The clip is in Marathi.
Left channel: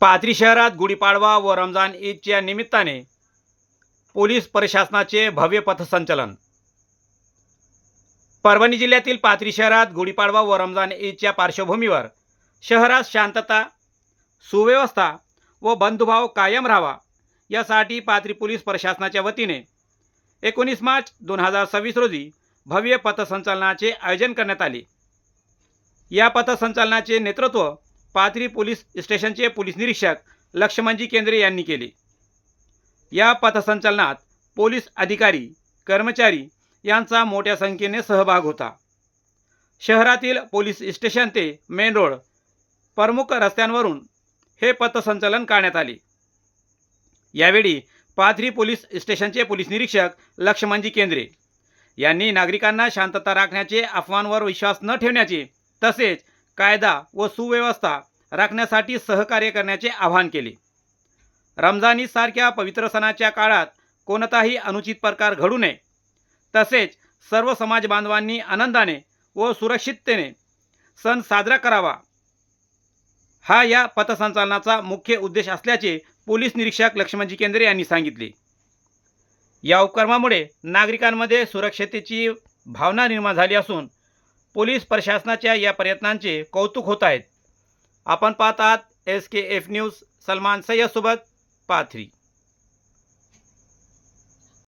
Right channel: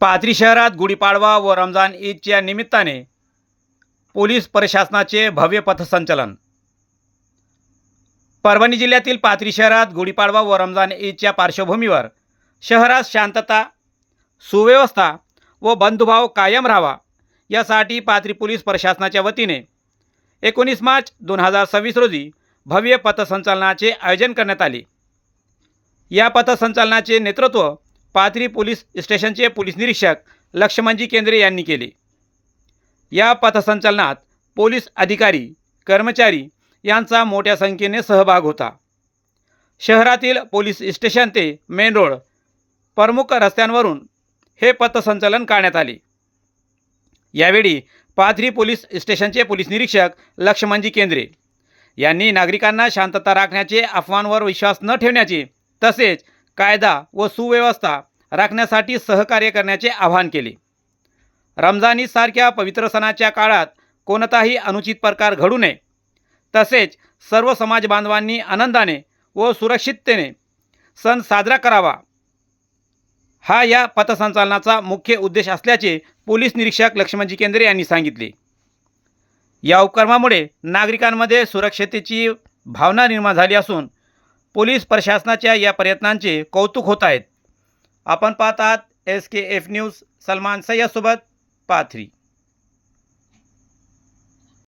पाथरी शहरात गुढीपाडवा व रमजान ईदच्या निमित्ताने पोलीस प्रशासनाचे भव्य पथसंचलन। परभणी जिल्ह्यातील पाथरी शहरात गुढीपाडवा व रमजान ईदच्या पार्श्वभूमीवर शहरात शांतता, सुव्यवस्था व बंधुभाव कायम राहावा यासाठी पाथरी पोलीस प्रशासनाच्या वतीने 19 मार्च 2026 रोजी भव्य पथसंचलनाचे आयोजन करण्यात आले। या पथसंचलनाचे नेतृत्व पाथरी पोलीस स्टेशनचे पोलीस निरीक्षक लक्ष्मणजी केंद्रे यांनी केले। या पथसंचलनात पोलीस अधिकारी, कर्मचारी यांचा मोठ्या संख्येने सहभाग होता। शहरातील पोलीस स्टेशन ते मेन रोड प्रमुख रस्त्यांवरून हे पथसंचलन करण्यात आले। यावेळी पाथरी पोलीस स्टेशनचे पोलीस निरीक्षक लक्ष्मणजी केंद्रे यांनी नागरिकांना शांतता राखण्याचे, अफवांवर विश्वास न ठेवण्याचे तसेच कायदा व सुव्यवस्था राखण्यासाठी सहकार्य करण्याचे आवाहन केले। रमजान ईद सारख्या पवित्र सणाच्या काळात कोणताही अनुचित प्रकार घडू नये तसेच सर्व समाज बांधवांनी आनंदाने व सुरक्षिततेने सण साजरा करावा, हा या पथसंचलनाचा मुख्य उद्देश असल्याचे पोलीस निरीक्षक लक्ष्मणजी केंद्रे यांनी सांगितले। या उपक्रमामुळे नागरिकांमध्ये सुरक्षिततेची भावना निर्माण झाली असून पोलीस प्रशासनाच्या या प्रयत्नांचे कौतुक होत आहेत। आपण पाहत आहात SKF न्यूज, सलमान सय्यद सोबत, पाथरी।